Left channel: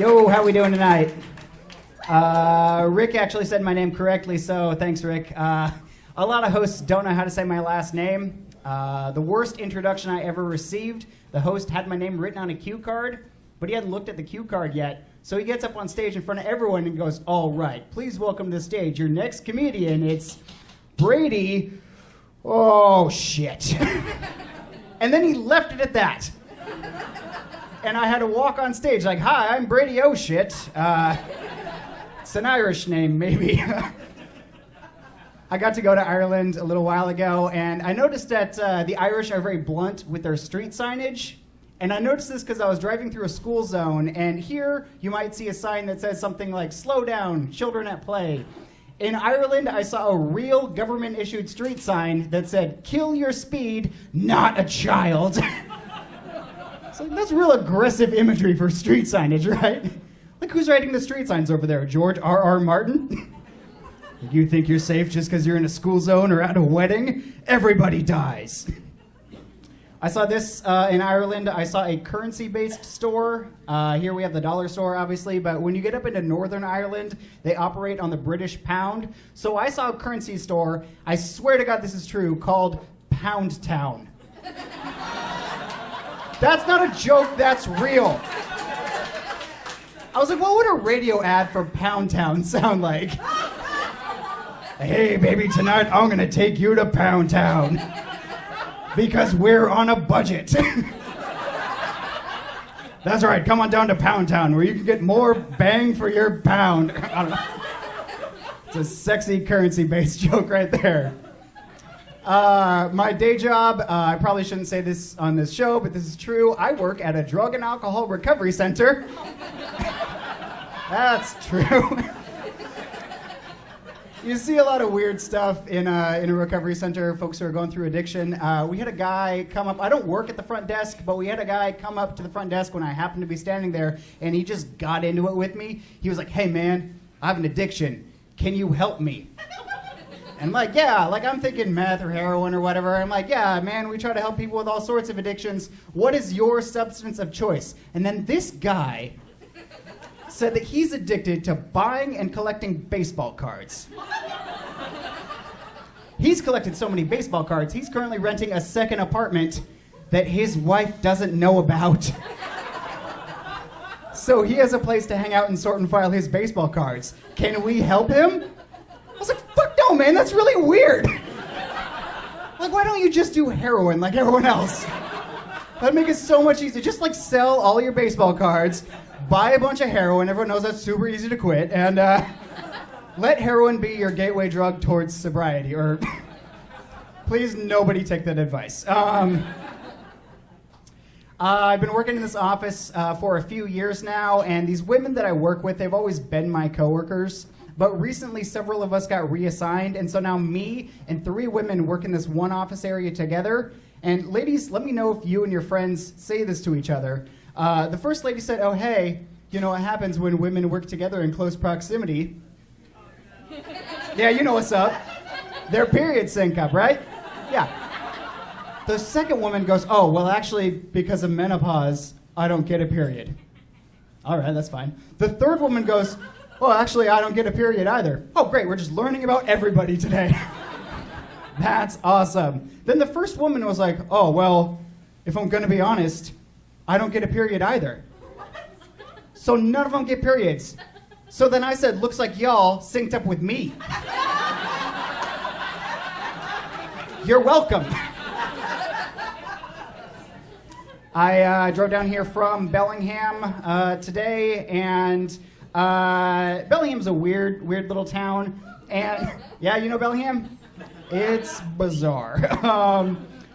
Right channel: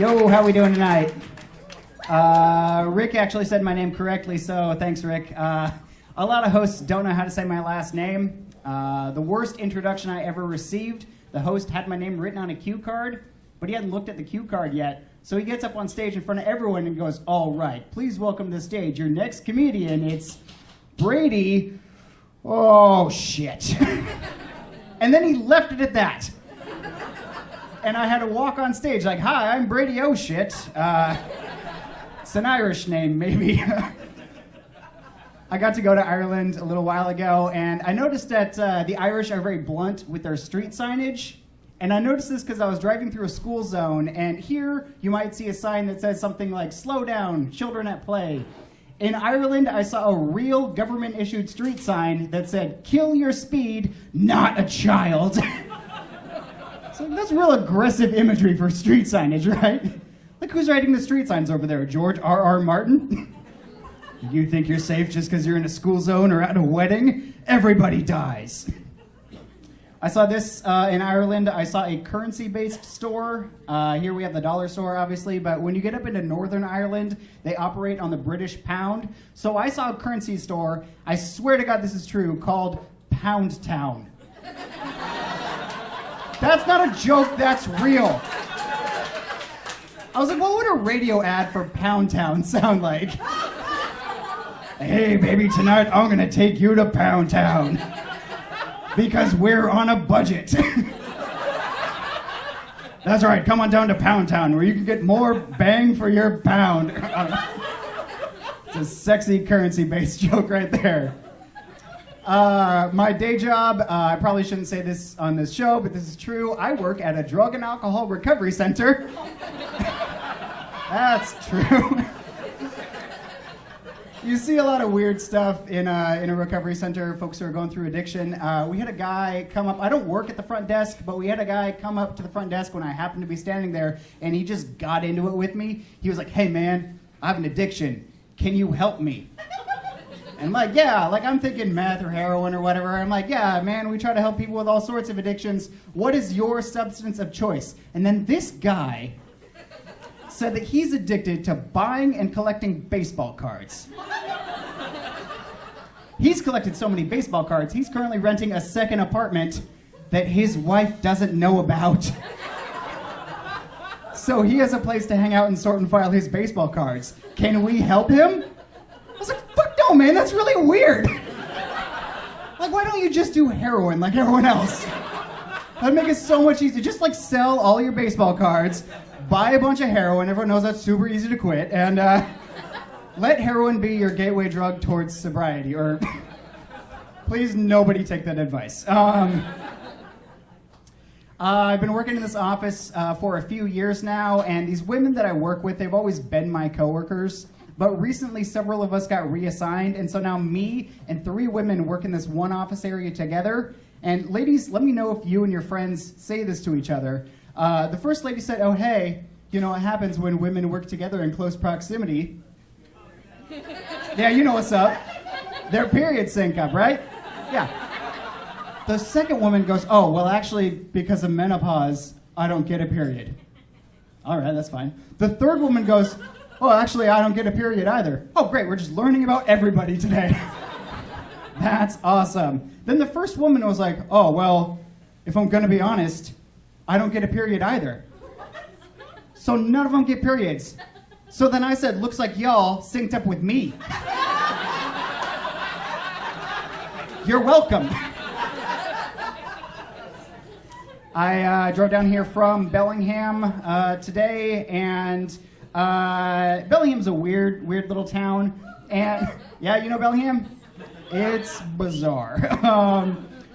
Yo, how we doing tonight? Rick actually said my name correctly, so thanks, Rick. A lot of hosts don't know how to say my last name. The worst introduction I ever received, the host had my name written on a cue card, but he hadn't looked at the cue card yet. So he gets up on stage in front of everyone and goes, "All right, please welcome to the stage your next comedian. It's Brady. Oh, shit." And then he left it at that. And I had to walk on stage like, "Hi, I'm Brady Oh Shit." It's an Irish name, maybe. I got to go to Ireland a little while ago, and I noticed that the Irish are very blunt with their street signage. And I noticed this because I was driving through a school zone, and here you might see a sign that says something like, "Slow down, children at play." In Ireland, I saw a real government-issued street sign that said, "Kill your speed, not a child." So that's real aggressive imagery for street signage, right? Look who's writing the street signs over there, George R.R. Martin. You think you're safe just because you're in a school zone or at a wedding? Everybody dies. I saw this in Ireland. I saw a currency-based store. Here we have the dollar store, obviously, but when you get up into Northern Ireland, they operate on the British pound. So I saw a currency store, I swear to God this is true, called Pound Town. That's not a joke, that's real. I was like, what would a radio ad for Pound Town sound like? "Hey, baby, tonight I'm gonna take you to Pound Town because we're on a budget." That's right, come on down to Pound Town where you can get more bang for your pound. It's a sexy currency-based joke right there. My day job, I probably shouldn't say this on this show, but this is true. I work at a drug and alcohol recovery center. That's true. You see a lot of weird stuff in a recovery center, folks who are going through addiction. We had a guy come up, I don't work at the front desk, but we had a guy come up to the front desk when I happened to be standing there, and he just got into it with me. He was like, "Hey man, I have an addiction. Can you help me?" I'm like, "Yeah," like I'm thinking meth or heroin or whatever. I'm like, "Yeah, man, we try to help people with all sorts of addictions. What is your substance of choice?" And then this guy said that he's addicted to buying and collecting baseball cards. He's collected so many baseball cards, he's currently renting a second apartment that his wife doesn't know about. So he has a place to hang out and sort and file his baseball cards. Can we help him? I was like, "Fuck no, man, that's really weird. Like, why don't you just do heroin like everyone else? That'd make it so much easier. Just like sell all your baseball cards, buy a bunch of heroin, everyone knows that's super easy to quit, and let heroin be your gateway drug towards sobriety, or please nobody take that advice. I've been working in this office for a few years now, and these women that I work with, they've always been my coworkers. But recently, several of us got reassigned, and so now me and 3 women work in this one office area together. And ladies, let me know if you and your friends say this to each other. The first lady said, "Oh, hey, you know what happens when women work together in close proximity?" Yeah, you know what's up. Their periods sync up, right? Yeah. The second woman goes, "Oh, well, actually, because of menopause, I don't get a period." All right, that's fine. The third woman goes, "Oh, actually, I don't get a period either." Oh, great, we're just learning about everybody today. That's awesome. Then the first woman was like, "Oh, well, if I'm gonna be honest, I don't get a period either." So none of them get periods. So then I said, "Looks like y'all synced up with me." You're welcome. I drove down here from Bellingham today, and Bellingham's a weird little town. And yeah, you know Bellingham? It's bizarre.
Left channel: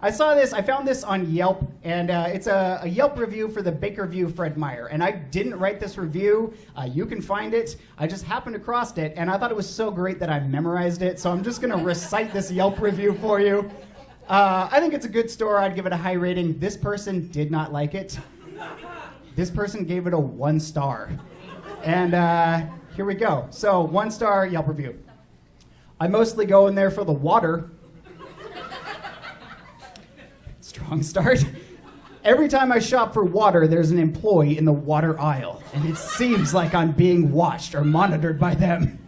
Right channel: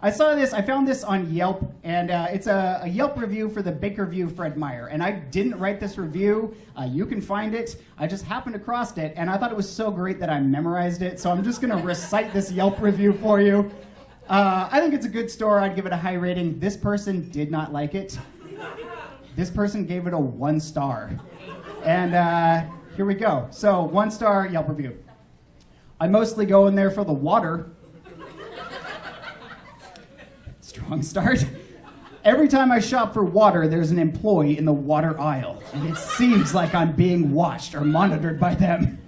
I found this on Yelp, and it's a Yelp review for the Bakerview Fred Meyer. And I didn't write this review. You can find it. I just happened across it, and I thought it was so great that I memorized it. So I'm just going to recite this Yelp review for you. I think it's a good store. I'd give it a high rating. This person did not like it. This person gave it a 1 star. And here we go. So 1 star Yelp review. "I mostly go in there for the water." Strong start. Every time I shop for water, there's an employee in the water aisle. And it seems like I'm being watched or monitored by them.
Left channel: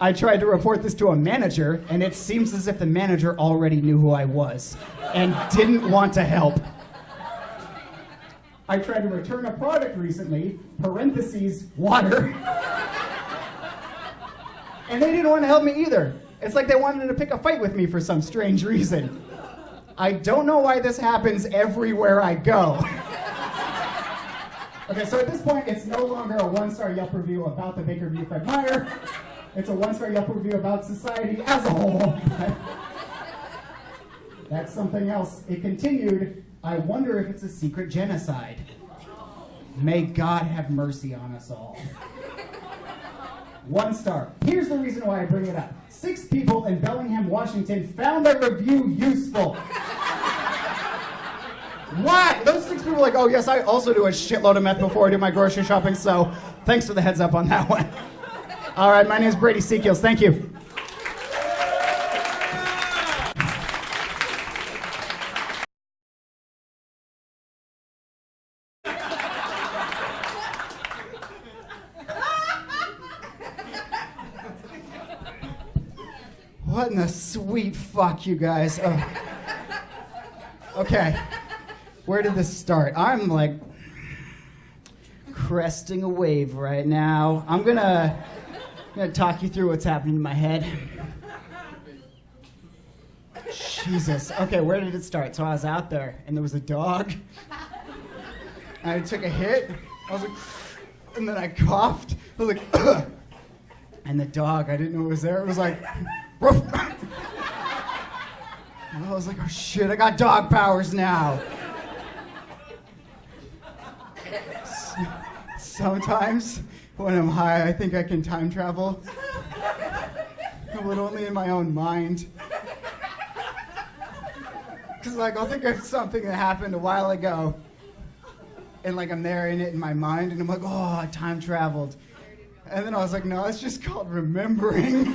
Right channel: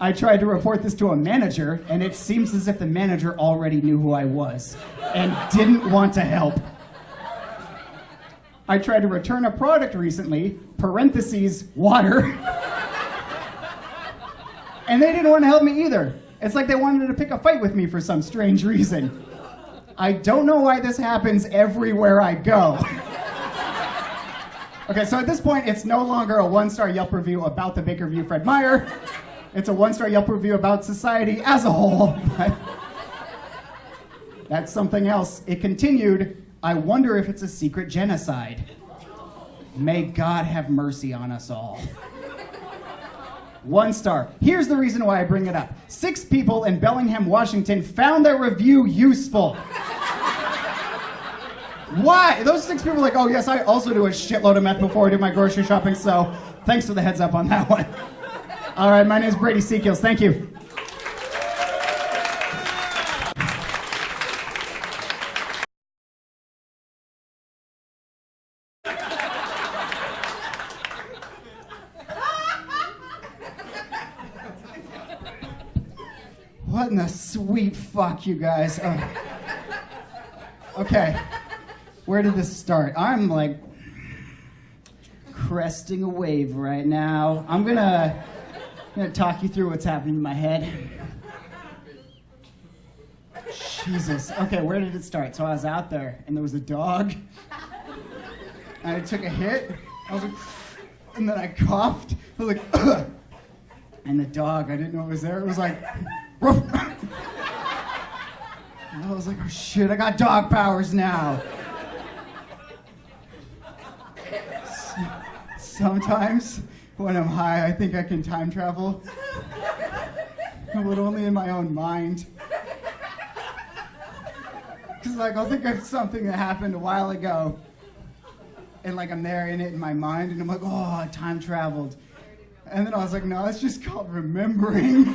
I tried to report this to a manager, and it seems as if the manager already knew who I was and didn't want to help. I tried to return a product recently, parentheses, water, and they didn't want to help me either. It's like they wanted to pick a fight with me for some strange reason. I don't know why this happens everywhere I go. Okay, so at this point, it's no longer a one-star Yelp review about the Baker v. Fred Meyer. It's a one-star Yelp review about society as a whole. That's something else. It continued, I wonder if it's a secret genocide. May God have mercy on us all. 1 star. Here's the reason why I bring it up. 6 people in Bellingham, Washington found their review useful. Why? Those 6 people are like, oh yes, I also do a shitload of meth before I do my grocery shopping, so thanks for the heads up on that one. All right, my name is Brady Secules. Thank you. What in the sweet fuck, you guys? Okay, where did this start? I'm like cresting a wave right now. I'm gonna talk you through what's happening in my head. Jesus. Okay, where did it start? So I was out there, and there was a dog. And I took a hit. I was like, and then I coughed. I was like, ugh. And the dog, I didn't know it was there. It was like, and I was like, oh shit, I got dog powers now. Sometimes when I'm high, I think I can time travel, but only in my own mind. Because like I'll think of something that happened a while ago, and like I'm narrating it in my mind, and I'm like, oh, I time traveled. And then I was like, no, it's just called remembering.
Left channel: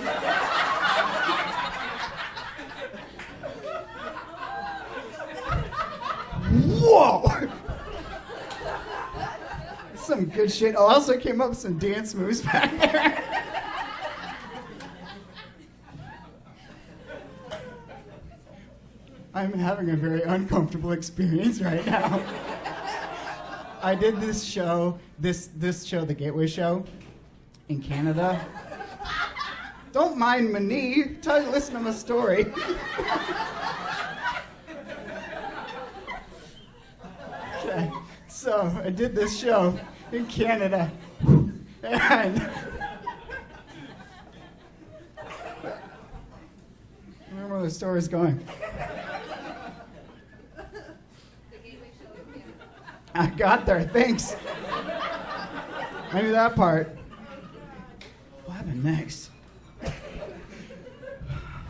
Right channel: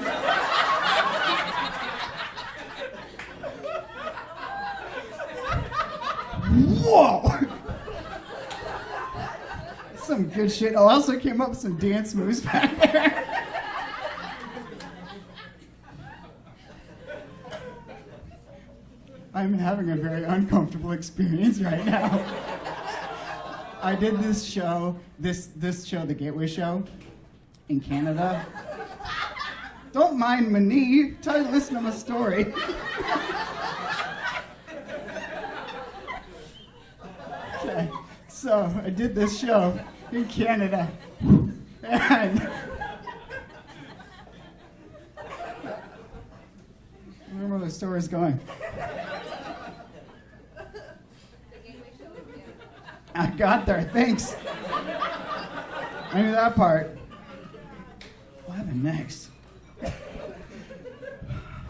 Whoa! Some good shit. I also came up with some dance moves back there. I'm having a very uncomfortable experience right now. I did this show, this show, the Gateway Show, in Canada. Don't mind my knee. Listen to the story. Okay. So I did this show in Canada, and I don't know where the story's going. I got there, thanks. I knew that part. What next?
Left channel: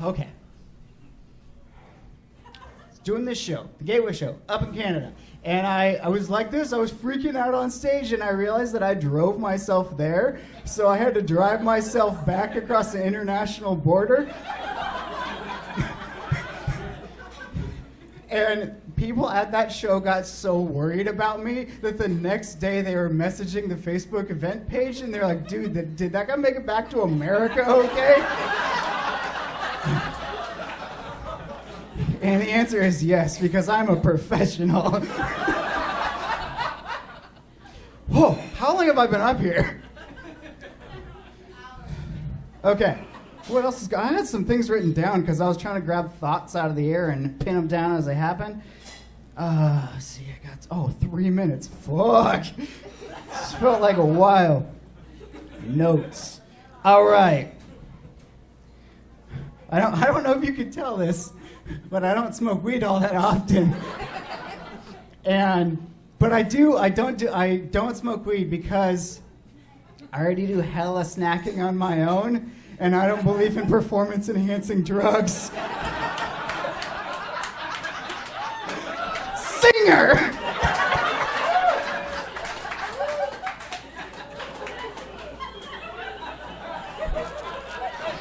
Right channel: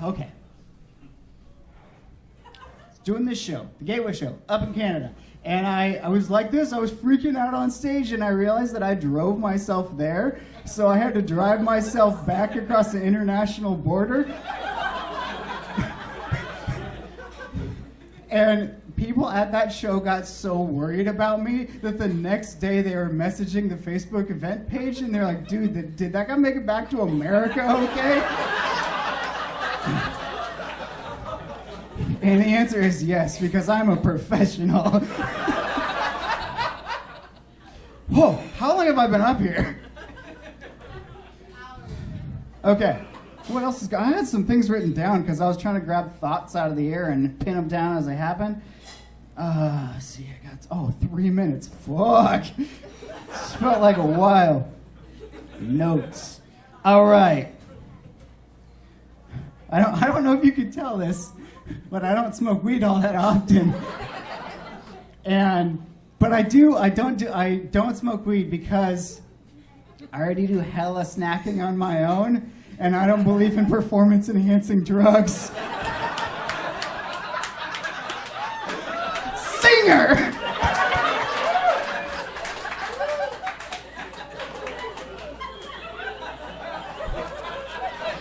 Okay. Doing this show, the Gateway Show, up in Canada. And I was like this, I was freaking out on stage, and I realized that I drove myself there, so I had to drive myself back across the international border. And people at that show got so worried about me that the next day they were messaging the Facebook event page, and they're like, dude, did that guy make it back to America okay? And the answer is yes, because I'm a professional. Whoa, how long have I been up here? Okay, what else is going on? I had some things written down because I was trying to grab thoughts out of the air and pin them down as they happen. Let's see, I got, 3 minutes. Fuck. It felt like a while. Notes. All right. I don't know if you can tell this, but I don't smoke weed all that often. But I don't smoke weed because I already do hella snacking on my own, and I don't believe in performance-enhancing drugs. Singer!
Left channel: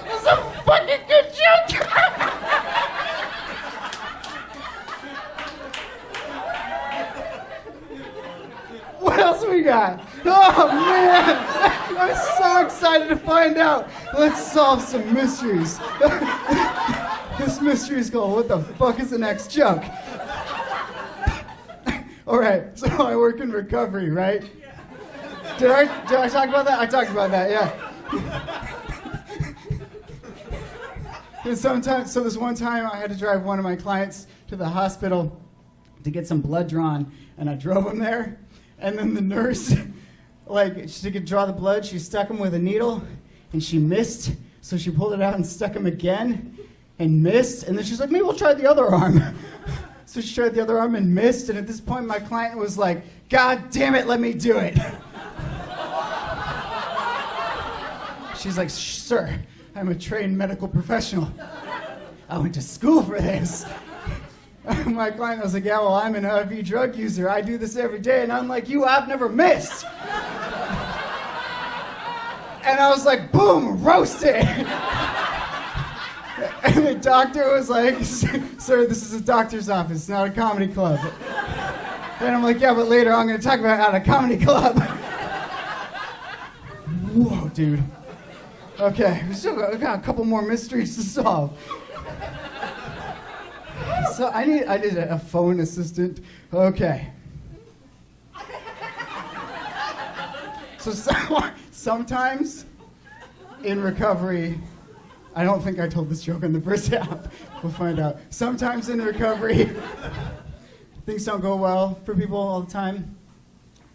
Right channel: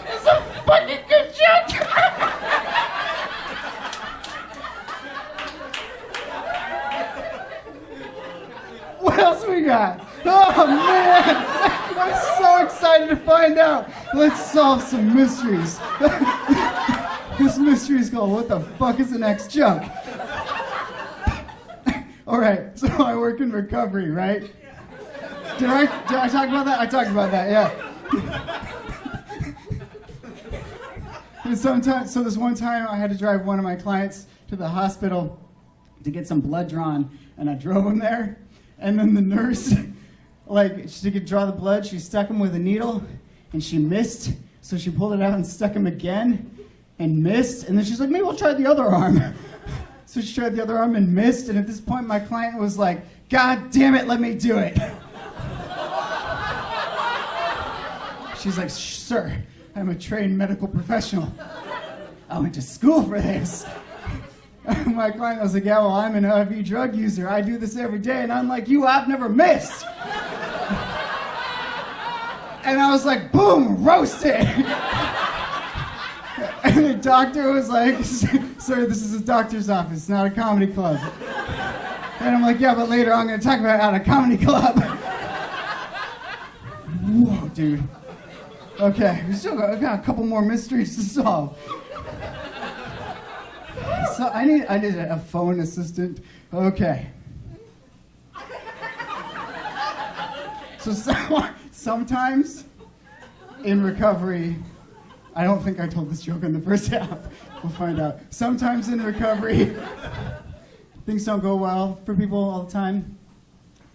It's a fucking good joke! Let's solve some mysteries. This mystery is called, what the fuck is the next jump? All right, so I work in recovery, right? Did I talk about that? I talked about that, yeah. And sometimes, so this one time I had to drive one of my clients to the hospital to get some blood drawn, and I drove him there, and then the nurse, like, she could draw the blood, she stuck him with a needle, and she missed, so she pulled it out and stuck him again, and missed, and then she's like, maybe we'll try the other arm. So she tried the other arm and missed, and at this point my client was like, God damn it, let me do it. She's like, sir, I'm a trained medical professional. I went to school for this. And my client was like, yeah, well, I'm an IV drug user. I do this every day. And I'm like, I've never missed. And I was like, boom, roasted. And the doctor was like, sir, this is a doctor's office, not a comedy club. And I'm like, yeah, but later I'm going to talk about at a comedy club. Whoa, dude. Okay, we got a couple more mysteries to solve. So I need a phone assistant. Okay. So sometimes in recovery, I don't think I told this joke in the first half. We'll find out. Sometimes in recovery, things don't go well for people all the time.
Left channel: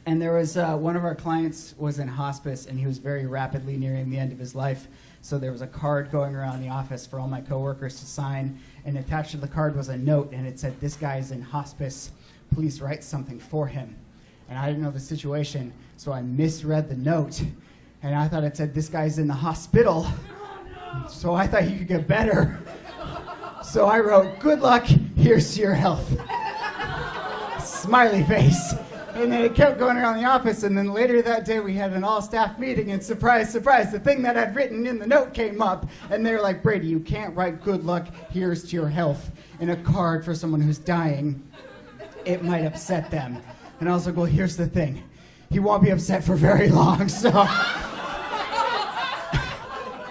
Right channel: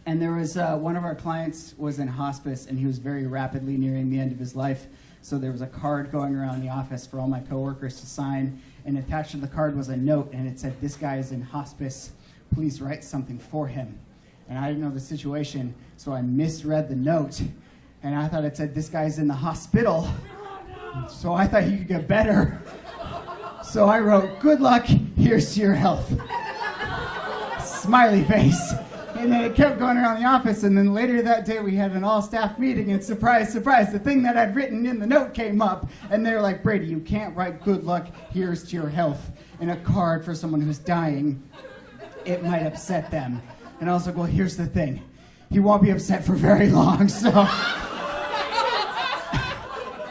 And there was one of our clients was in hospice, and he was very rapidly nearing the end of his life. So there was a card going around the office for all my coworkers to sign, and attached to the card was a note, and it said, this guy's in hospice, please write something for him. And I didn't know the situation, so I misread the note, and I thought it said, this guy's in the hospital, so I thought he could get better. So I wrote, good luck, here's to your health. Smiley face. And then it kept going around the office, and then later that day we had an all-staff meeting, and surprise, surprise, the thing that I'd written in the note came up, and they were like, Brady, you can't write good luck, here's to your health in a card for someone who's dying. It might upset them. And I was like, well, here's the thing. He won't be upset for very long, so...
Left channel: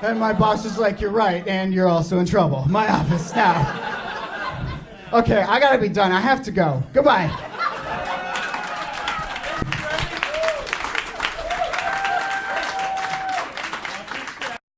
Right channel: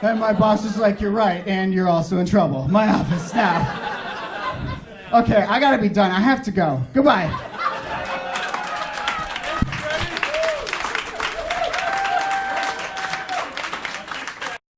Then my boss is like, you're right, and you're also in trouble. My office, now. Okay, I gotta be done. I have to go. Goodbye.